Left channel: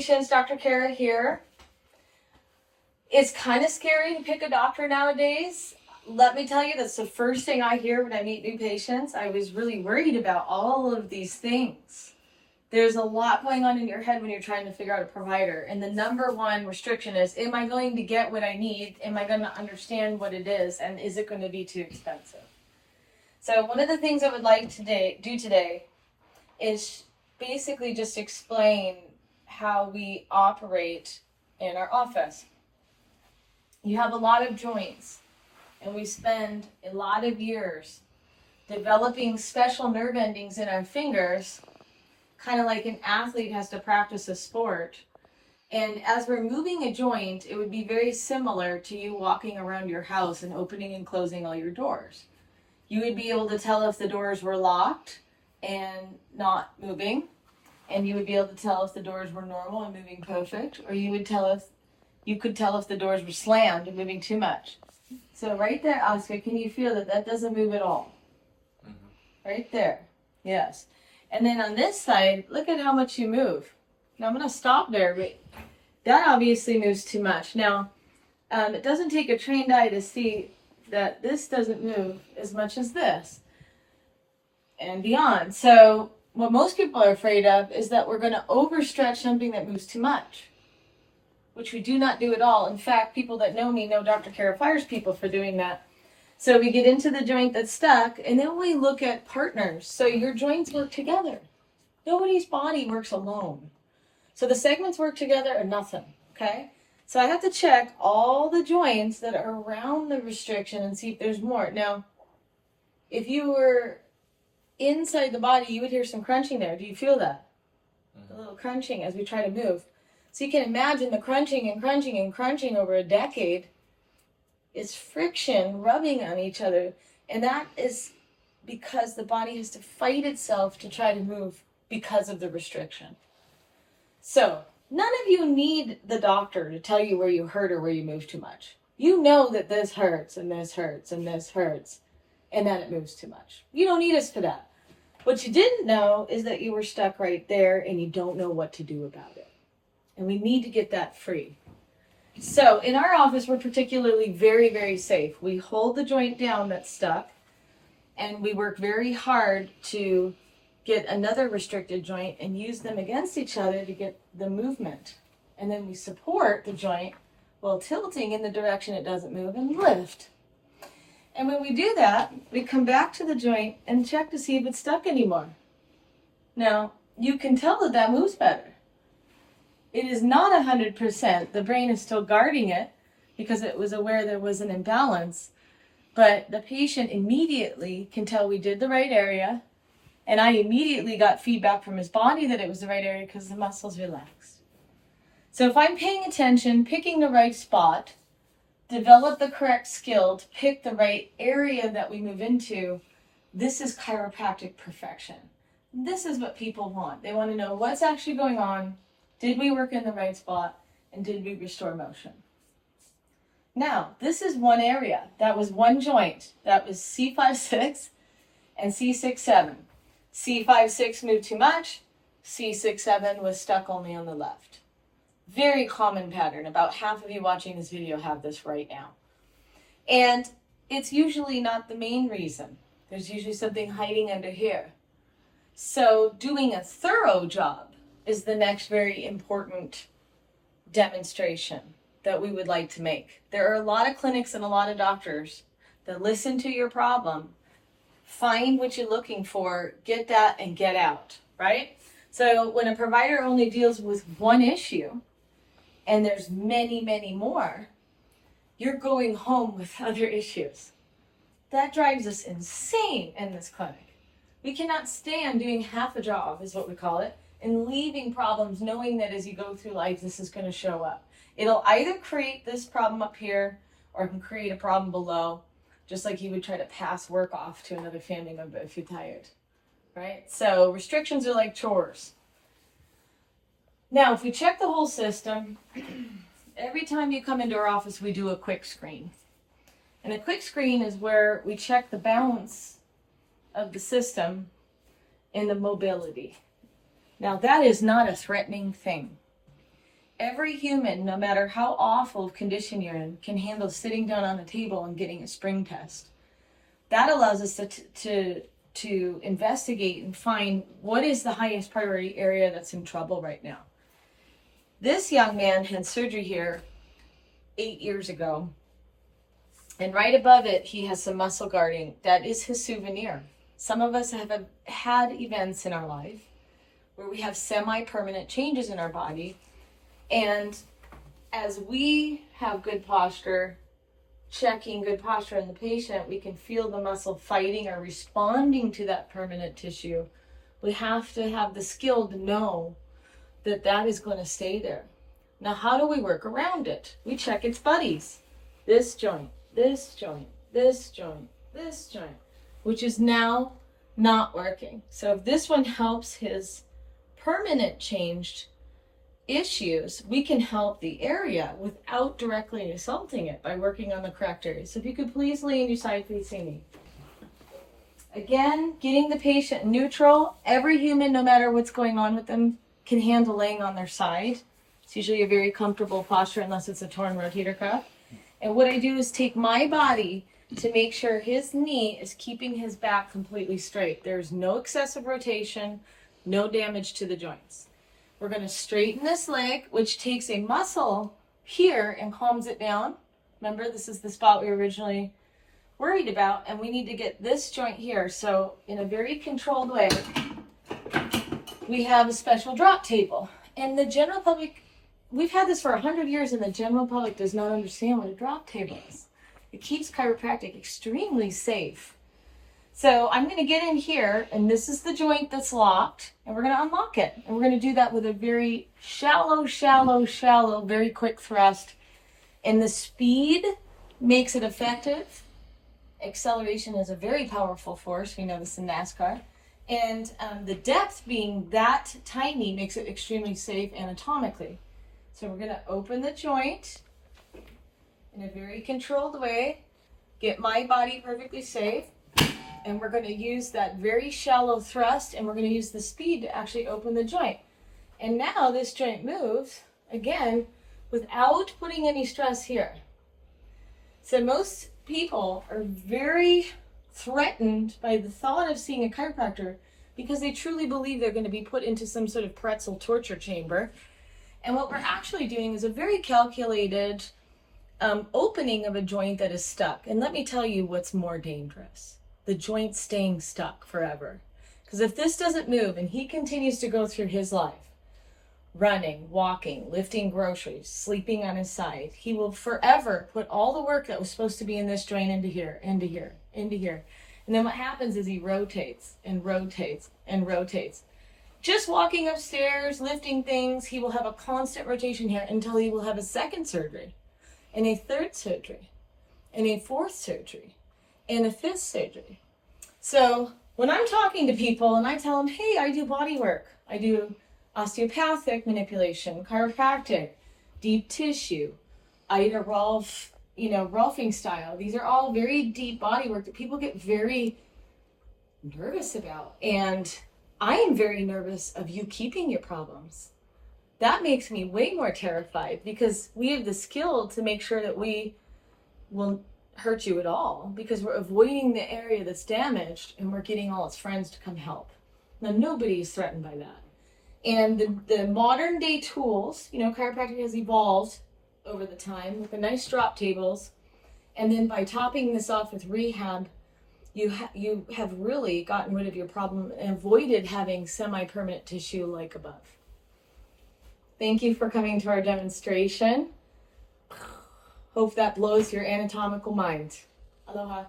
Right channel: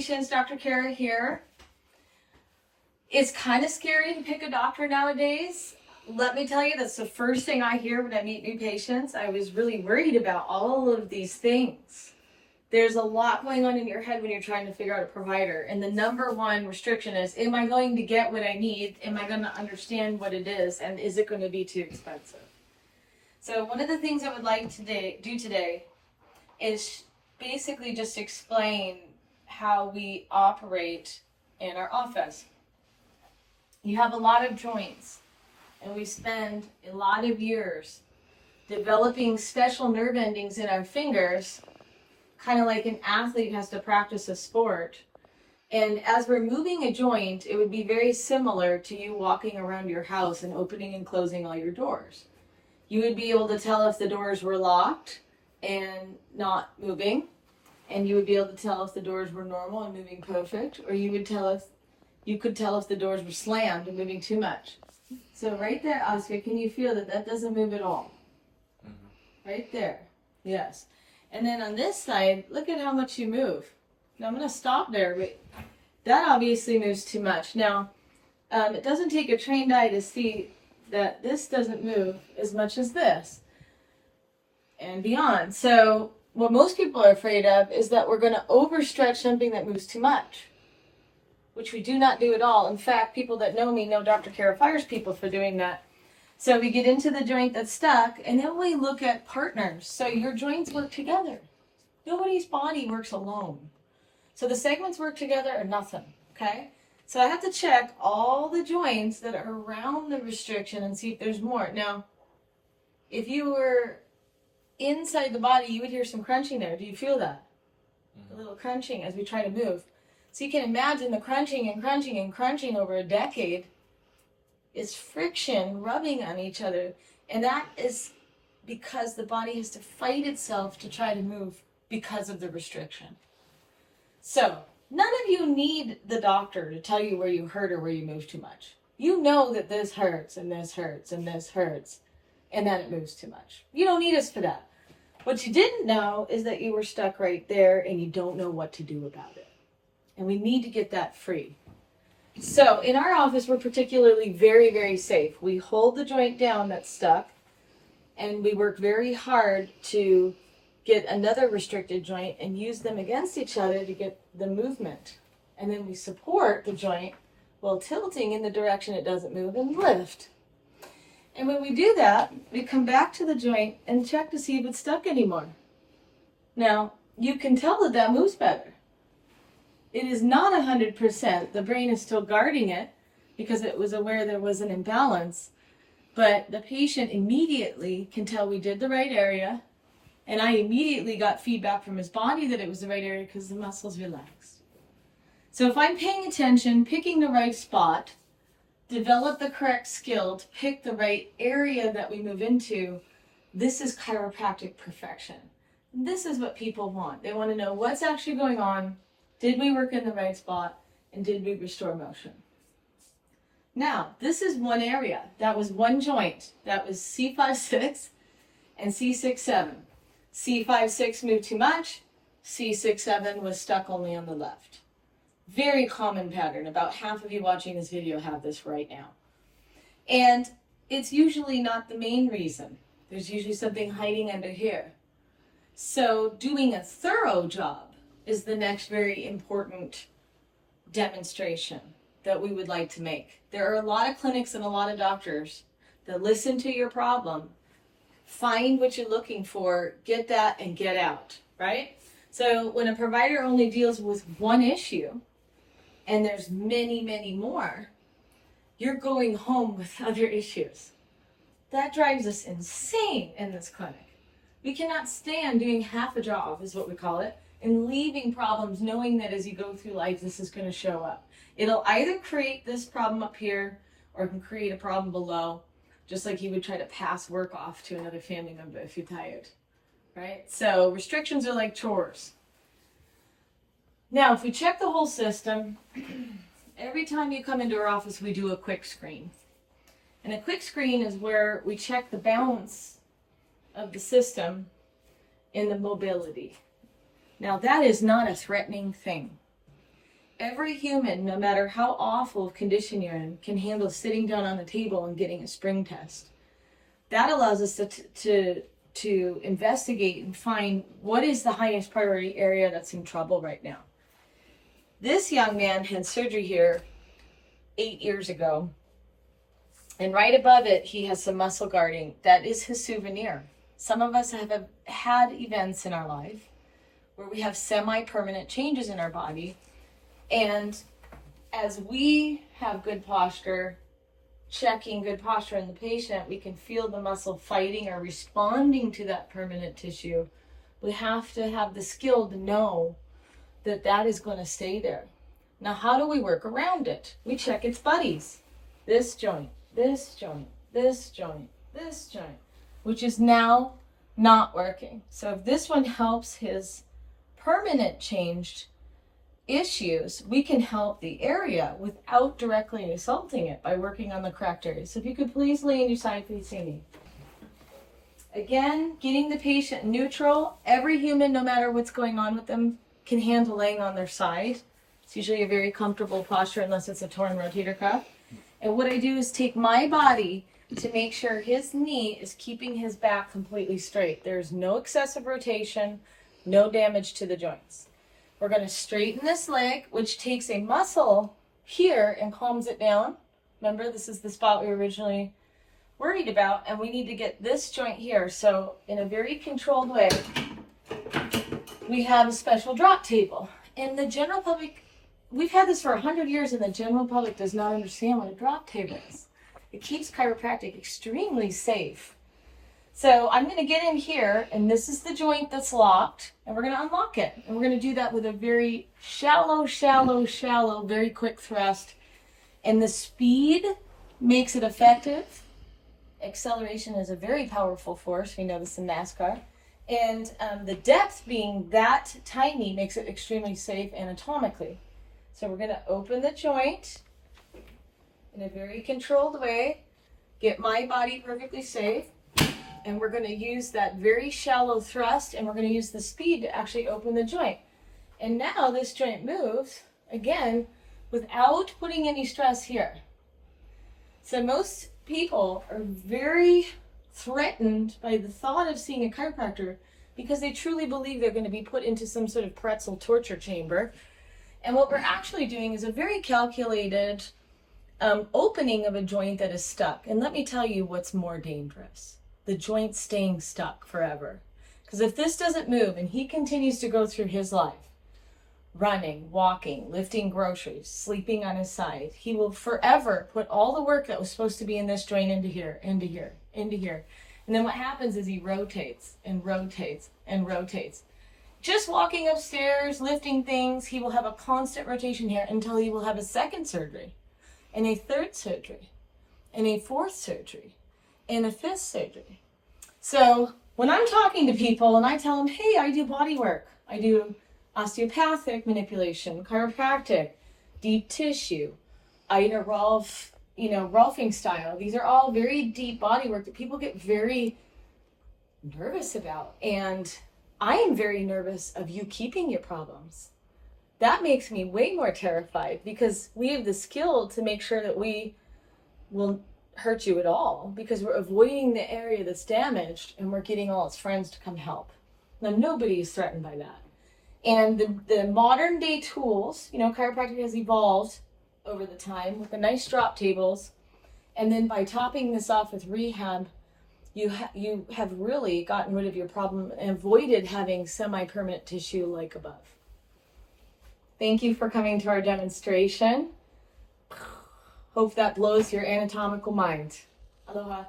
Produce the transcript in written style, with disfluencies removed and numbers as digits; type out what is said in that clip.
patients, Dr. Kara here. It's kind of scary to pick a doctor nowadays. Let me tell you, that's the first thing I hear when I meet new patients. I was really worried about all of these things. There's a lot going on in your head when you're trying to figure out a provider. And the number one restriction is, am I going to get what I need? Am I going to understand what it is? And is it going to be too expensive? So one of the things I would like to do today is basically just explain how we operate in our office. You have a lot of joints, and we spend a lot of years developing special nerve endings in our fingers, kind of like an athlete has to practice a sport. And as we're moving a joint, it would be very similar to you walking around your house and opening and closing all your doors. You would be able to tell if the doors were locked and not moving, and you would be able to tell if the doors were normal and moving perfect, or you could tell if the doors were slammed and moving too much. So right there, Oscar, can you feel that doesn't move at all? Mm-hmm. Right there, yes. And then on this side, look at how much you move. Now I'm going to stop there, but that obviously moves too much. Now, it doesn't take a trained eye to see that this doesn't move as much as this and beyond. So what most people are afraid of is that we're going to overstretch something that moves too much, which we do not do at all. In fact, people that know me know Dr. Kara fires people for doing that. So we get into the joint that's stuck, and then we look at partners. So your joints work together. Nobody's body works alone. So the segments work together or nothing, okay? So I have to check all the joints that are around the restriction and see if there's more. Now, if you were inside the body, you would hear some crunching there. Do you feel that? A little crunching as we try to move. So you can imagine the crunching and crunching and crunching over a decade is friction rubbing on each other. And that is because the body has to fight itself to try to move because of the restriction. So none of you need the doctor to tell you where you hurt or where you move too much. You know that this hurts and this hurts and this hurts and that it moves too much. You don't need us for that. What you didn't know is that you were stuck right there and you don't know what to do about it. And we need to get that free. So in our office, we're particularly very, very safe. We hold the joint down that's stuck, and we work very hard to get another restricted joint and use them against each other to get the movement. And then we support the joint while tilting in the direction it doesn't move and lift. And when we do that, we come back to the joint and check to see if it's stuck anymore. Now, you can tell that moves better. It is not 100%. The brain is still guarding it because it was aware there was an imbalance. But the patient immediately can tell we did the right area. And I immediately got feedback from his body that it was the right area because the muscles relaxed. So if I'm paying attention, picking the right spot, develop the correct skill to pick the right area that we move into, this is chiropractic perfection. This is what people want. They want to know what's actually going on. Did we work in the right spot? And did we restore motion? Now, this is one area. That was one joint. That was C5-6 and C6-7. C5-6 moved too much. C6-7 was stuck only on the left. Very common pattern. About half of you watching this video have this right now. And it's usually not the main reason. There's usually something hiding under here. So doing a thorough job is the next very important demonstration that we would like to make. There are a lot of clinics and a lot of doctors that listen to your problem, find what you're looking for, get that, and get out, right? So when a provider only deals with one issue, and there's many, many more, you're going home with other issues. That drives us insane in this clinic. We cannot stand doing half a job, is what we call it, and leaving problems knowing that as you go through life, this is going to show up. It'll either create this problem up here or it can create a problem below, just like you would try to pass work off to another family member if you're tired, right? So restrictions are like chores. Now, if we check the whole system, every time you come into our office, we do a quick screen. And a quick screen is where we check the balance of the system in the mobility. Now, that is not a threatening thing. every human, no matter how awful of condition you're in, can handle sitting down on a table and getting a spring test. That allows us to investigate and find what is the highest priority area that's in trouble right now. This young man had surgery here 8 years ago, and right above it, he has some muscle guarding. That is his souvenir. Some of us have had events in our life where we have semi-permanent changes in our body, and as we have good posture, checking good posture in the patient, we can feel the muscle fighting or responding to that permanent tissue. We have to have the skill to know that that is going to stay there. Now, how do we work around it? We check its buddies. This joint, this joint, this joint, this joint, which is now not working. So if this one helps his permanent changed issues, we can help the area without directly assaulting it by working on the correct area. So if you could please lay on your side facing me. Again, getting the patient neutral. Every human, no matter what's going on with them, can handle laying on their side. It's usually a very comfortable posture unless it's a torn rotator cuff. And what I do is take my body to make sure his knee is keeping his back completely straight. There's no excessive rotation, no damage to the joints. We're going to straighten this leg, which takes a muscle here and calms it down. Remember, this is the spot we were originally worried about, and we need to get this joint here. So in a very controlled way, we have a special drop table. And the general public, we've had this for 100 years, and the general public does not understand what a drop table is. It keeps chiropractic extremely safe. So I'm going to get in here, and this is the joint that's locked, and we're going to unlock it. And we're going to do that with a very shallow, very quick thrust. And the speed makes it effective. Acceleration is a very powerful force. We know this in NASCAR. And the depth being that tiny makes it extremely safe anatomically. So we're going to open the joint in a very controlled way, get my body perfectly safe, and we're going to use that very shallow thrust, and we're going to use the speed to actually open the joint. And now this joint moves, again, without putting any stress here. So most people are very threatened by the thought of seeing a chiropractor because they truly believe they're going to be put into some sort of pretzel torture chamber. And what we're actually doing is a very calculated opening of a joint that is stuck. And let me tell you what's more dangerous. The joint staying stuck forever. Because if this doesn't move and he continues to go through his life, running, walking, lifting groceries, sleeping on his side, he will forever put all the work that was supposed to be in this joint into here, into here, into here. And then what happens is he rotates and rotates and rotates. Just walking upstairs, lifting things, he will have a constant rotation here until he will have a second surgery, and a third surgery, and a fourth surgery, and a fifth surgery. So when I'm talking to people and I tell them, hey, I do body work, I do osteopathic manipulation, chiropractic, deep tissue, Ida Rolf, Rolfing style. These are all very deep body work that people get very nervous about. And I am very nervous of you keeping your problems. That makes me way more terrified because we have the skill to make sure that we will hurt you at all because we're avoiding the area that's damaged and we're getting all its friends to come help. Now, nobody is threatened by that. And the modern day tools, chiropractic has evolved over the time with the nice drop tables. And then by topping this off with rehab, you have really gotten rid of your problem and avoided having semi-permanent tissue like above. Thank you for coming to our demonstration. Hope that blows your anatomical mind. Aloha.